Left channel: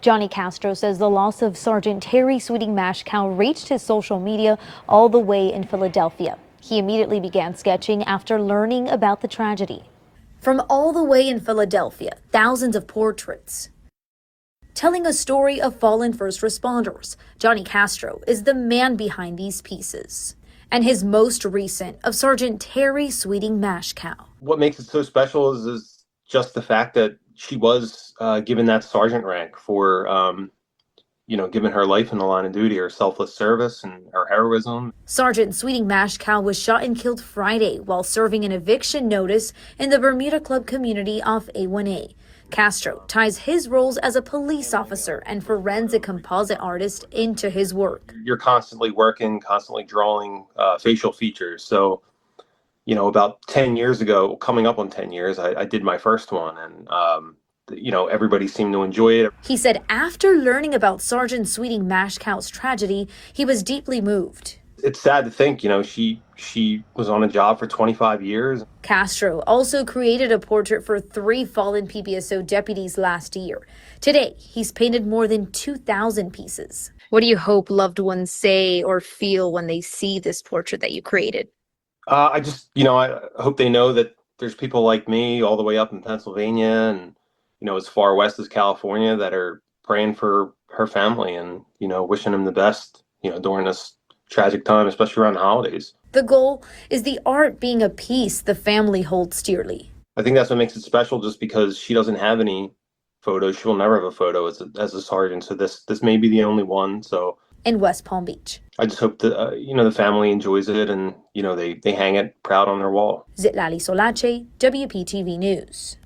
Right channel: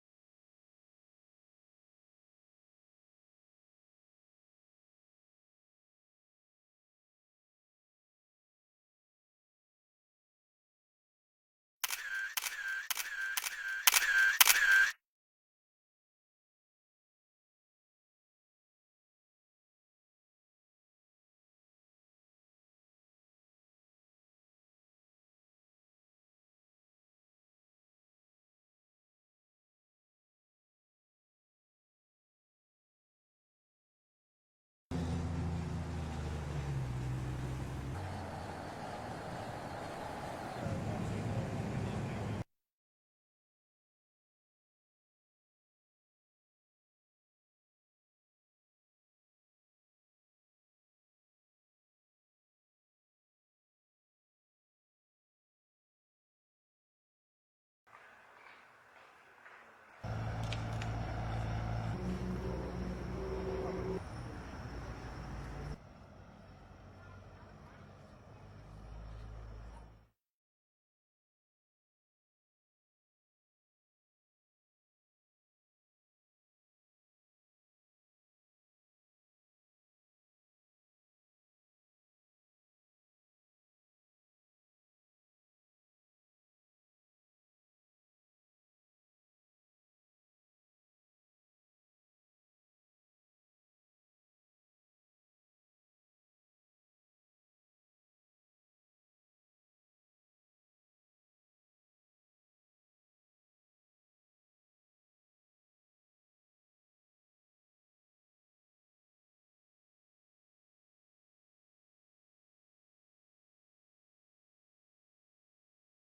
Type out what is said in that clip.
Johnny Castro says the loss of Sergeant Terry Sweeting Mashkow reached his social media all the way in Philadelphia. He immediately began sketching after learning about the tragedy. From all the way in Philadelphia, thousands of portraits telling a story of fallen first responders. Johnny Castro is the man behind these pieces. And his most recent of Sergeant Terry Sweeting Mashkow. What makes it so special is just the fact that she was given that sergeant rank for, giving her life in the line of duty, her selfless service and her heroism. Sergeant Sweeting Mashkow was shot and killed Friday while serving an eviction notice in the Bermuda Club community off A1A. Castro ties his roles as a police officer and forensic composite artist into his work. You're constantly working, constantly drawing facial features. So, about 10 years ago, coming up on 10 years, I did my first one, and everybody seemed to enjoy it. He said after learning about Sergeant Sweeting Mashkow's tragedy, he was deeply moved. It's sad to think, she was on a job for 25 years. Castro also created a portrait for 3 fallen PBSO deputies last year. Today, he's painted more than 2,000 pieces. What do you hope loved ones say or feel when they see this portrait that you created? I hope they know that there's people like me all the way up in Pennsylvania and, as far west as California that are praying for her family and, wishing them the best, during this tragic time, especially around the holidays. The goal is the art being a piece the family holds dearly. I think that's what makes it special, just because she doesn't have any photos. She will never have a photo as a sergeant. So this may be the only one. So in West Palm Beach, I just hope that, the family enjoys it and, they hang it proud on their wall. Zitlali Solache, WPTV News.